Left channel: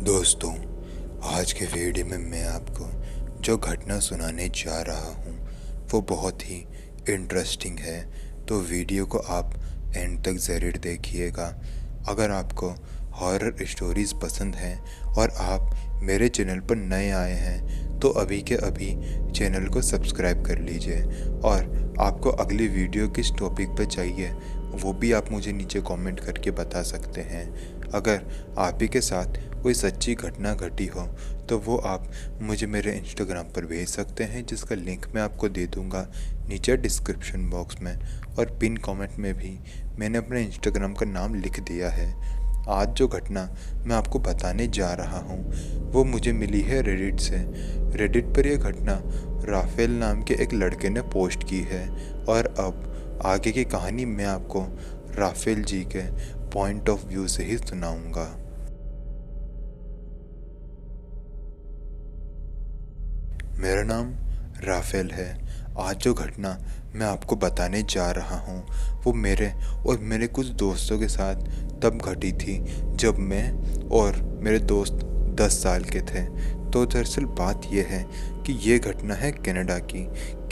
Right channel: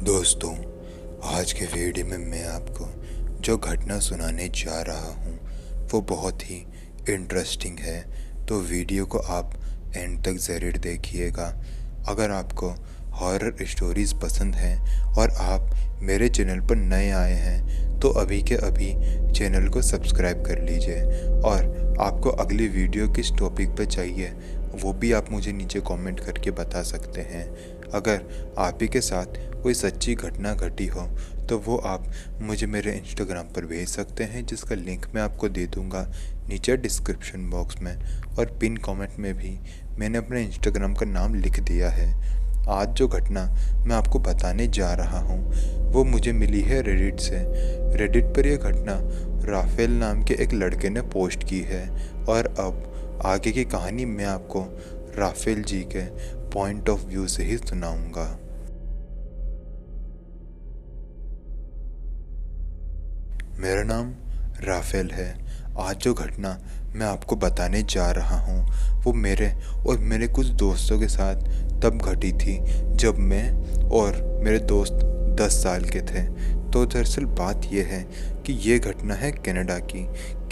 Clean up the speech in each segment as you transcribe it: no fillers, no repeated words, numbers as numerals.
दोस्तों, आज के वीडियो में मैं आपको जो घटना सुनाने जा रहा हूँ वो बहुत ही इंटरेस्टिंग है। तो वीडियो को आप एंड तक ज़रूर देखिएगा। अगर आपको हॉरर स्टोरीज़ पसंद हैं और आप मेरे चैनल पर नए आए हैं तो अभी के अभी चैनल को सब्सक्राइब कर लीजिए। और आपको अगली वीडियो किस टॉपिक पर चाहिए वो भी आप मुझे नीचे कमेंट करके बता सकते हैं। अगर आप ही के साथ कोई सच्ची घटना घटी हो तो वो आप मुझे मेरे इंस्टाग्राम पर भेज सकते हैं, जिसका लिंक मैं आपको दे दूंगा नीचे डिस्क्रिप्शन बॉक्स में। और पिन कमेंट में भी मैंने अपने इंस्टाग्राम का नाम लिख दिया है। आज जो घटना मैं आपको बताने जा रहा हूँ वो मुझे मिली है रेडिट से। रेडिट पर यह घटना राफेल नाम के एक लड़के ने पोस्ट की है। और अब आगे की कहानी मैं आपको राफेल जी के पॉइंट ऑफ व्यू से ही सुनाऊंगा। मेरा नाम राफेल है। आज जो घटना मैं आपको बताने जा रहा हूँ वो मेरे और मेरे कुछ दोस्तों के साथ तब घटी थी जब मैं और मेरे दोस्त 10 साल के थे। तो दरअसल बात यह है कि ये घटना है कनाडा की।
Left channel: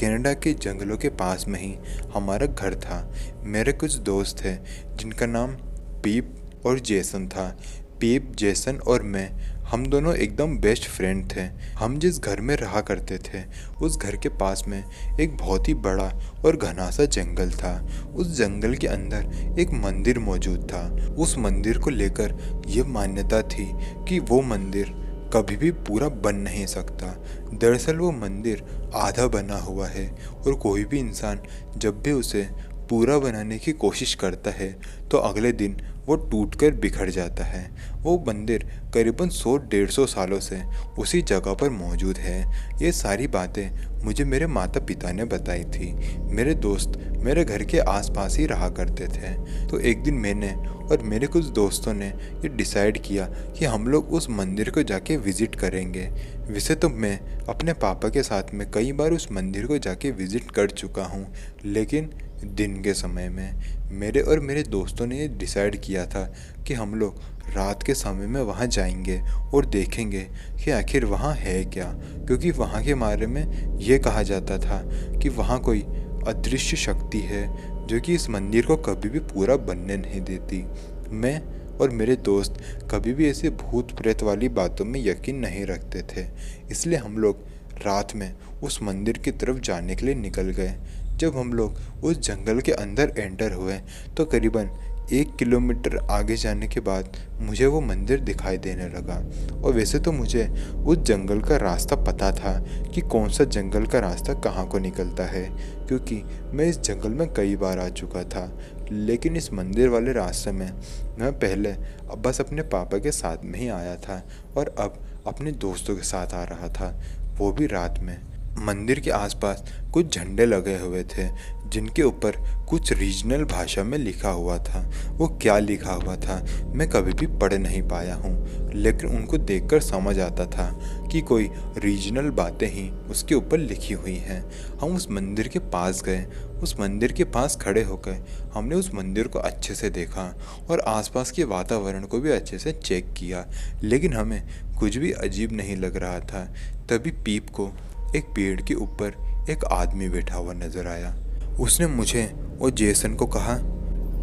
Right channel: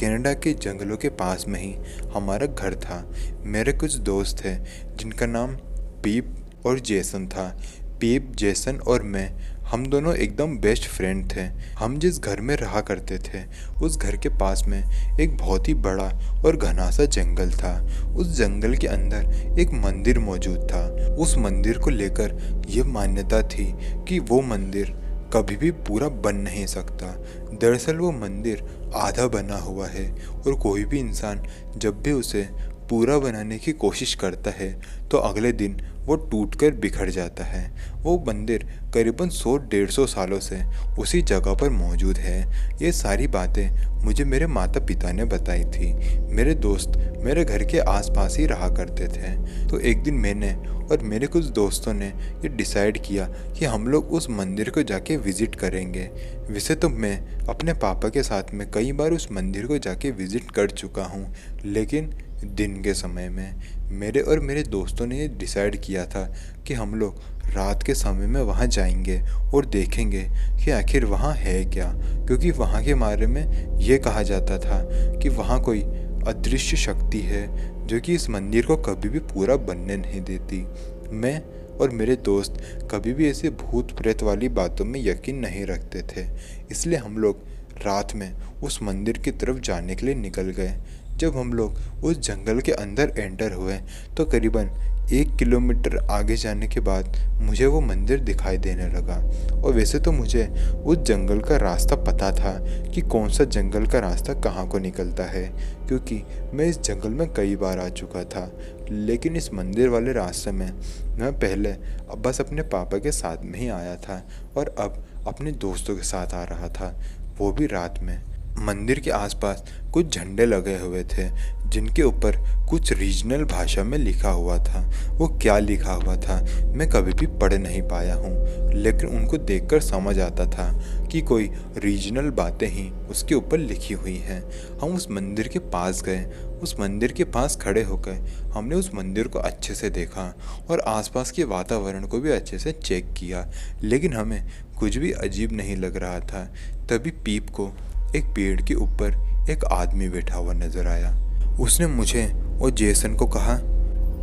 कनाडा के जंगलों के पास में ही हमारा घर था। मेरे कुछ दोस्त थे जिनका नाम पीप और जेसन था। पीप, जेसन और मैं, हम दोनों एकदम बेस्ट फ्रेंड थे। हम जिस घर में रहा करते थे उस घर के पास में एक बहुत ही बड़ा और घना सा जंगल था। उस जंगल के अंदर एक मंदिर मौजूद था। उस मंदिर को लेकर यह मान्यता थी कि वो मंदिर कभी भी पूरा बन नहीं सकता। दरअसल वो मंदिर आधा बना हुआ है और कोई भी इंसान जब भी उसे पूरा बनाने की कोशिश करता है तो अगले दिन वो टूटकर बिखर जाता है। वो मंदिर करीबन 100-150 सालों से उसी जगह पर मौजूद है। ये सारी बातें मुझे मेरे माता पिता ने बताई थी। मेरे दोस्त मेरे घर के आसपास ही रहा करते थे। तो एक दिन मैंने और मेरे कुछ दोस्तों ने ये डिसाइड किया कि हम लोग उस मंदिर को जाके विज़िट करेंगे। वैसे तो मैं अपने पापा के साथ में कई बार उस मंदिर को जाके विज़िट कर चुका हूँ, लेकिन दिन के समय में मेरे और मेरे दोस्तों ने ये डिसाइड किया था कि हम लोग रात के समय में वहाँ जाएंगे और देखेंगे कि आखिर वहाँ है क्या। क्योंकि वहाँ के बारे में ये कहा जाता था कि वहाँ कोई अदृश्य शक्ति है जो कि इस मंदिर को कभी भी पूरा बनने नहीं देती। मैं और मेरे दोस्त कभी भी ऐसे भूत प्रेत वाली बातों में यकीन नहीं रखते थे, इसलिए हम लोग रात में उस मंदिर की तरफ जाने के लिए निकल गए। जब हम लोग उस जंगल के अंदर एंटर हुए तो करीबन 1 किलोमीटर आगे जाने के बाद मुझे वो मंदिर दिखाई देने लगा। और वैसे तो मुझे उस जंगल का रास्ता पता था कि कौन सा जंगल का रास्ता कहाँ को निकलता है, क्योंकि मैं इस जंगल में कई बार आ चुका था। लेकिन इस मंदिर वाले रास्ते में मैं पहले बस अपने पापा के साथ में ही आया था और अब अपने दोस्तों के साथ आ रहा था, वो भी रात में। मंदिर के आसपास कुछ झंडे लगे हुए थे जिनके ऊपर कुछ रीजनल भाषा में लिखा हुआ था। वो क्या लिखा हुआ था मैं कभी भी पढ़ नहीं पाया हूँ, लेकिन उनको देखकर समझ आता था कि कोई रीजनल बातें ही उसके ऊपर लिखी हुई हैं। हम उस मंदिर के पास गए। उस मंदिर के पास खड़े होकर हमने उस मंदिर को अच्छे से देखा और आसपास के वातावरण को भी अच्छे से चेक किया, लेकिन हमें कुछ भी अजीब नहीं लग रहा था। तभी पीप को एक पेड़ के ऊपर एक आदमी बैठा हुआ नजर आया। उसने मुझे और जेसन को कहा,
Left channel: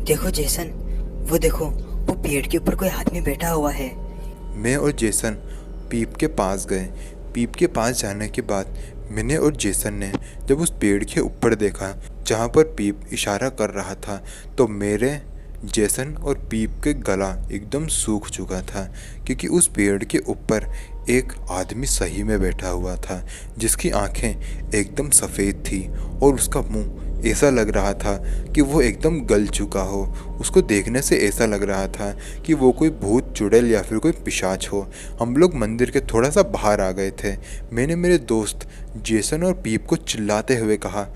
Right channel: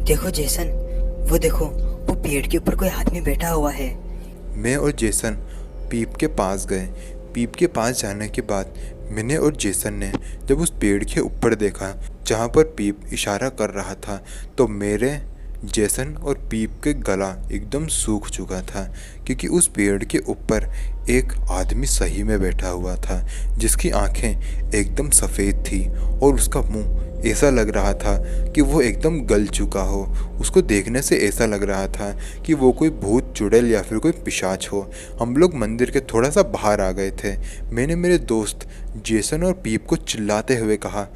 देखो जेसन, वो देखो, वो पेड़ के ऊपर कोई आदमी बैठा हुआ है। मैं और जेसन पीप के पास गए। पीप के पास जाने के बाद मैंने और जेसन ने जब उस पेड़ के ऊपर देखा जहाँ पर पीप इशारा कर रहा था, तो मेरे, जेसन और पीप के गला एकदम सूख चुका था, क्योंकि उस पेड़ के ऊपर एक आदमी सही में बैठा हुआ था जिसकी आंखें एकदम सफ़ेद थी और उसका मुंह ऐसा लग रहा था कि वो एकदम गल चुका हो। उसको देखने से ऐसा लग रहा था कि वो कोई भूत चुड़ैल या फिर कोई पिशाच हो। हम लोग मंदिर के थोड़ा सा बाहर आ गए थे। मैंने मेरे दोस्त जेसन और पीप को चिल्लाते हुए कहा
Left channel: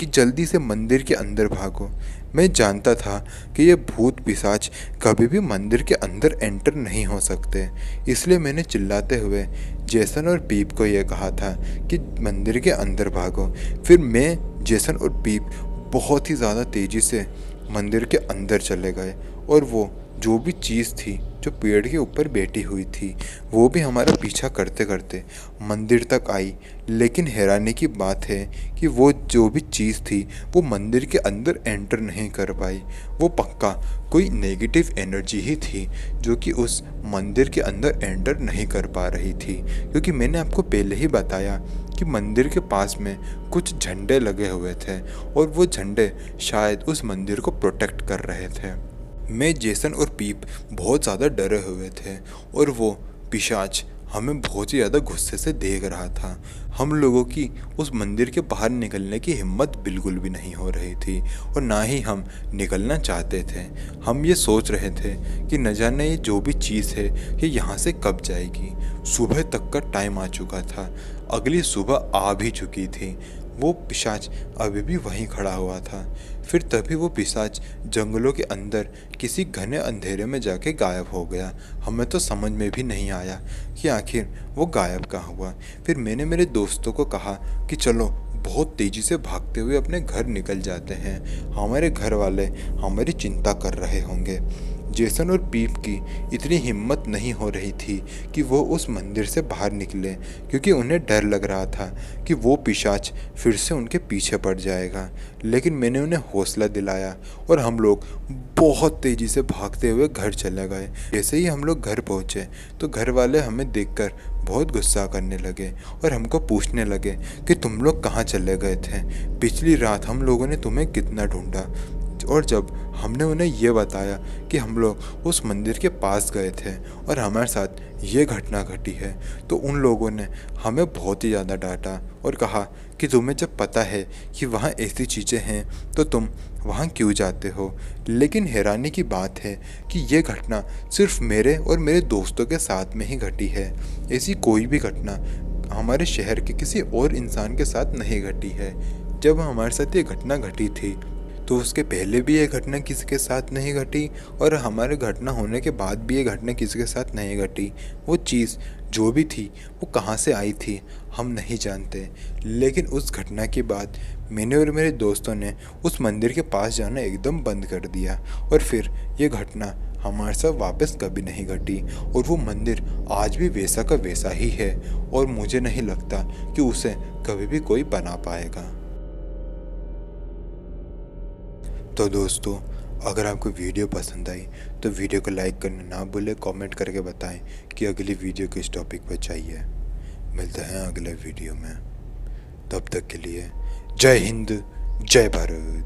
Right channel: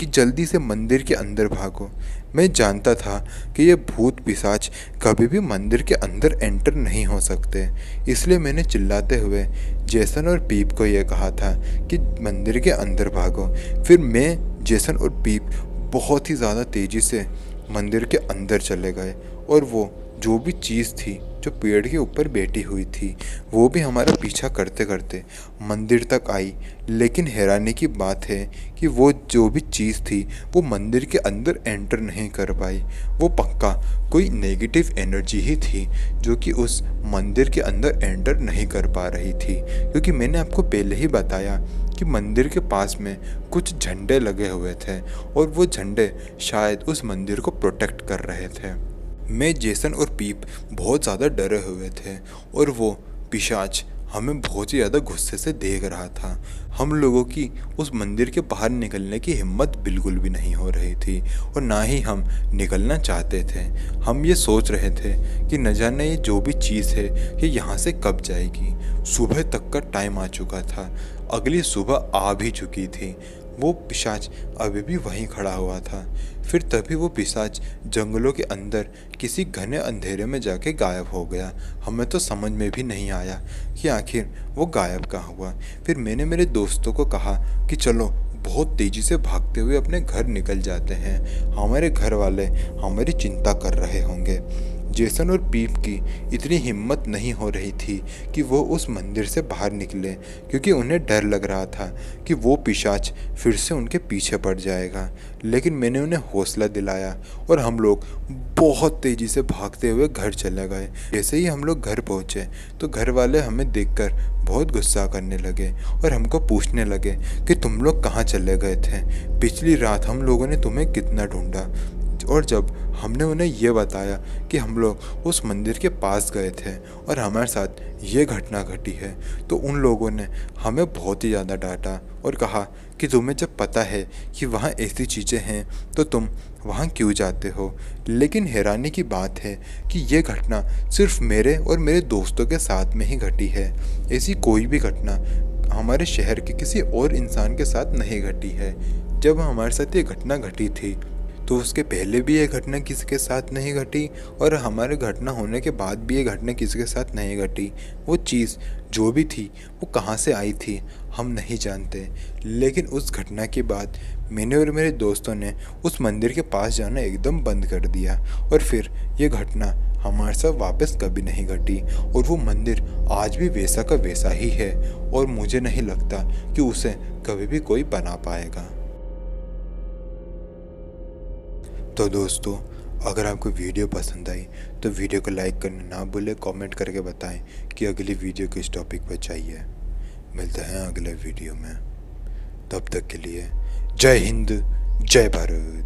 कि जल्दी से मंदिर के अंदर भागो। मैं जानता था कि ये भूत पिशाच कभी भी मंदिर के अंदर एंटर नहीं हो सकते, इसलिए मैंने चिल्लाते हुए जेसन और पीप को यह कहा था कि मंदिर के अंदर भागो। फिर मैं, जेसन और पीप बहुत ही ज़्यादा तेज़ी से मंदिर के अंदर चले गए और वो जो भी चीज़ थी जो पेड़ के ऊपर बैठी हुई थी वो भी हमारा पीछा करते करते मंदिर तक आई। लेकिन हैरानी की बात है कि वो जो भी चीज़ थी वो मंदिर के अंदर एंटर नहीं कर पाई। वो पक्का कोई नेगेटिव एनर्जी ही थी जो कि उस मंदिर के अंदर एंटर नहीं कर पा रही थी, क्योंकि मैंने आपको पहले ही बताया कि मंदिर के पास में कुछ झंडे लगे हुए थे और वो झंडे शायद उस मंदिर को प्रोटेक्ट कर रहे थे। मैं, जेसन और पीप बहुत ज़्यादा डरे हुए थे और वो पिशाच हमें बहुत ही ज़्यादा गुस्से से देख रहा था। हम लोगों की उस मंदिर के बाहर निकलने की हिम्मत बिल्कुल भी नहीं हो रही थी और ना ही हम निकलना चाहते थे। हम ये सोच रहे थे कि न जाने ये जो भी चीज़ है ये यहाँ से कब जाएगी। सुबह तक का टाइम आ चुका था, अगली सुबह आ भी चुकी थी। वो पिशाच अभी भी वहीं खड़ा हुआ था। फिर तभी वो पिशाच जंगलों के अंदर किसी घने अंधेरे में जाके गायब हो गया। हमें तो समझ में भी नहीं आया कि आखिर वो गायब कहाँ हुआ। फिर मैंने मेरे दोस्तों को कहा कि चलो बहुत तेज़ी से भागते हुए अपने घर निकल जाते हैं, हमारे घर वाले हमारी चिंता कर रहे होंगे। जेसन और पीप की इतनी हिम्मत नहीं हो रही थी कि वो उस मंदिर से बाहर निकले, क्योंकि उन्हें डर लग रहा था कि वो पिशाच फिर से उनके पीछे पड़ जाएगा। लेकिन मैंने उन्हें हौसला दिलाया और हम लोग बहुत तेज़ी से भागते हुए घर चले गए। जैसे ही हम लोग घर पहुँचे तो घर वाले हमें देखकर बहुत गुस्सा करने लगे और हमको पूछने लगे कि तुम लोग कहाँ चले गए थे, पिछली रात हम लोगों ने तुम्हें कितना ढूंढा। और जब हमने उन्हें ये बताया कि हम लोग उस मंदिर के पास गए थे और हमारे साथ ये घटना घटी है, तो उन लोगों ने हमें बहुत ही ज़्यादा डांटा और कहा कि तुम्हें जब पता है कि वहाँ ऐसी चीज़ें हैं तो तुम वहाँ क्यों जाते हो। लेकिन हैरानी की बात है कि ये घटना सिर्फ मेरे और मेरे दोस्तों के साथ में ही घटी है। ऐसी कोई भी घटना हमारे शहर के किसी और इंसान के साथ नहीं घटी है। जब हमारे साथ ये घटना घटी थी तो उसके पहले भी ये घटना किसी के साथ नहीं घटी और हमारे घटना होने के बाद भी ये घटना किसी के साथ नहीं घटी। वो चीज़ जो भी थी वो कहाँ से आई थी हम नहीं जानते, लेकिन उस घटना के बाद मैंने और मेरे दोस्तों ने उस मंदिर के पास जाना एकदम बंद कर दिया और फिर ये घटना हमारे साथ वापस कभी नहीं घटी और वो मंदिर आज भी वैसा का वैसा ही है और मुझे नहीं लगता कि उसे कभी भी कोई बना पाएगा। तो दोस्तों, अगर आपको वीडियो पसंद आई तो वीडियो को लाइक करना ना भूलें, कमेंट करके बताएं कि अगली वीडियो किस टॉपिक पर चाहिए। मिलते हैं अगले वीडियो में, तब तक के लिए जय हिंद, जय भारत।